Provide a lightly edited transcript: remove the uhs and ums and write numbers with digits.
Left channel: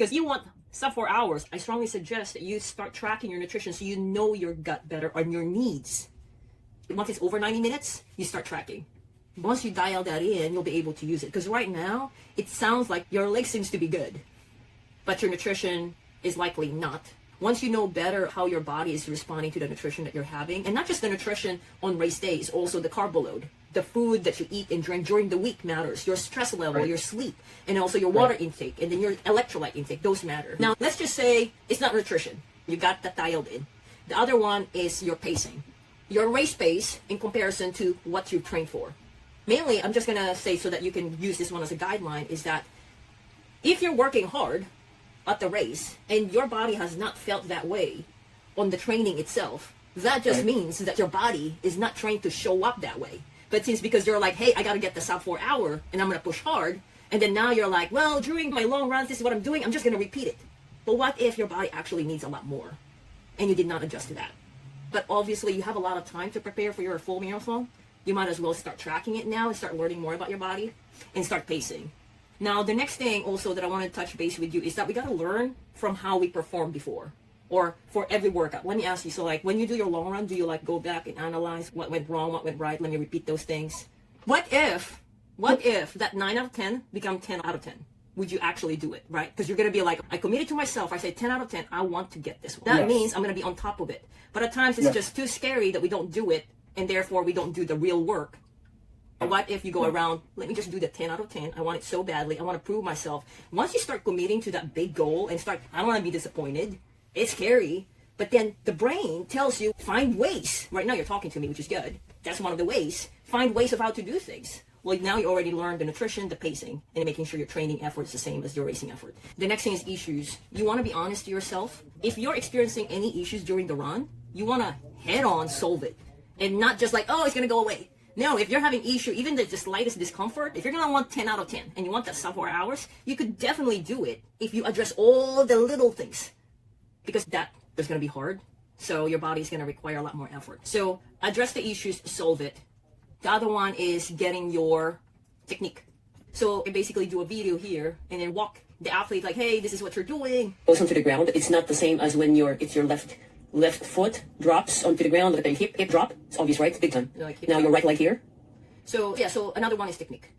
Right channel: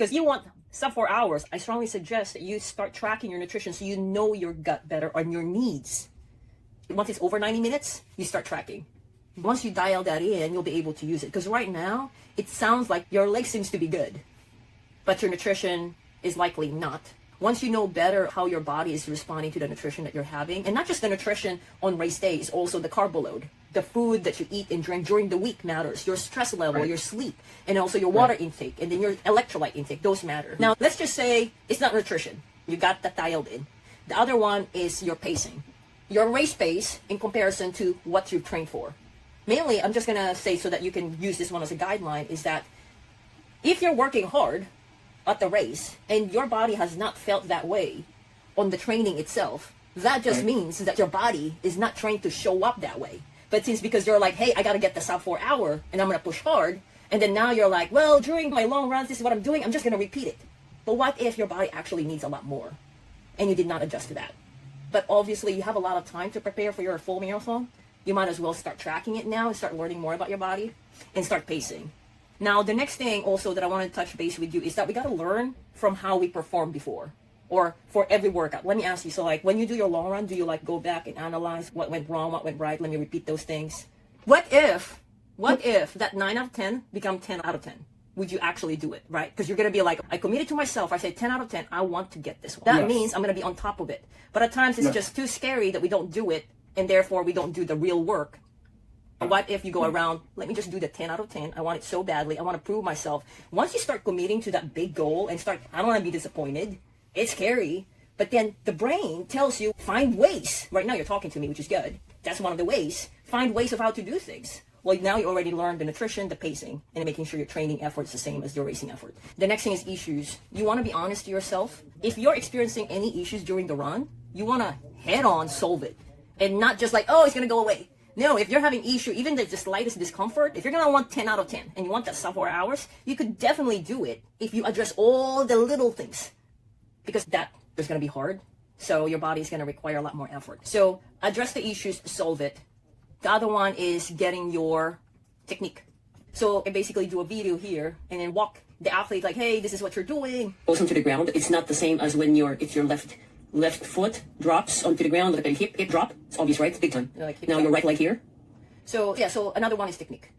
Because you want sub 4 hours, I strongly suggest that you start tracking your nutrition so you know your gut better on your needs. Once it's over 90 minutes, you start tracking. Once you dial that in, you'll be able to use it. Because right now, it sounds like your leg seems to be good, but your nutrition is likely not. Once you know better how your body is responding to the nutrition that you're having, and not just the nutrition on race days, also the carb load, the food that you eat and drink during the week matters, your stress level, your sleep, and also your water intake, and then your electrolyte intake, those matter. Now, let's just say it's not nutrition. You got that dialed in. The other one is your pacing. Your race pace in comparison to what you've trained for. Mainly, I'm just going to say so that you can use this one as a guideline, is that if you're working hard at the race and your body has not felt that way on the training itself, that just means that your body is not trying to show up that way. But since because you're like, hey, I got to get the sub 4 hour and I'm going to push hard, and then now you're like, well, during my long runs, this is what I'm doing, I'm just going to repeat it. But what if your body actually needs a lot more and you did not adjust to that? But obviously you have a lot of time to prepare for your full marathon. You might as well start tracking it now and start learning more about your body and start pacing. Now, the next thing also that I want to touch base with you is that we got to learn from how we performed before, or for every workout. Let me ask you, so like when you do your long run, do you like go back and analyze what went wrong, what went right? Let me repeat those things. What if that 9 out of 10 become 10 out of 10? Would you actually do it, right? Because you're going to be like, I committed to myself. I say 10 out of 10, I want to get this one. That means I'm going to be on top of it. But at times it's just too scary that we don't do it, and therefore we don't do the real work. What if you go around, let me just do the 10 out of 10. I want it so badly. I want to prove myself. Once you start committing to that big goal and start, I don't want to be disappointed. It's scary. But then the brain tells you, find ways. Right now you're talking to me, which is good. That's one of the ways. Find ways of how to do things. Well, now you already learned the nutrition, the pacing, and making sure your training effort is the same as your racing effort. The next thing is issues. You want to be honest to yourself. If you're experiencing any issues during the run, you want to head on solve it. And not just like, oh, it's going to go away. No, if you're having issue, even the slightest discomfort, if you're going to want 10 out of 10 and you want that sub 4 hours, you could definitely do it if you address all the little things. Because there's going to be hard. So your body is going to require a lot more effort. So address the issues, solve it. The other one is getting your technique. So I basically do a video here and then walk the athlete like, hey, this is what you're doing. Goes onto the ground. It's not the same as when it's your left foot drops onto the ground, like a hip drop. It's obvious, right? It's big time. Like now your right leg here. So yeah, so another one is technique.